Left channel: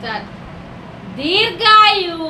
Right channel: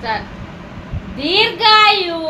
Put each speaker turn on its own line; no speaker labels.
start దీర్ఘాయువు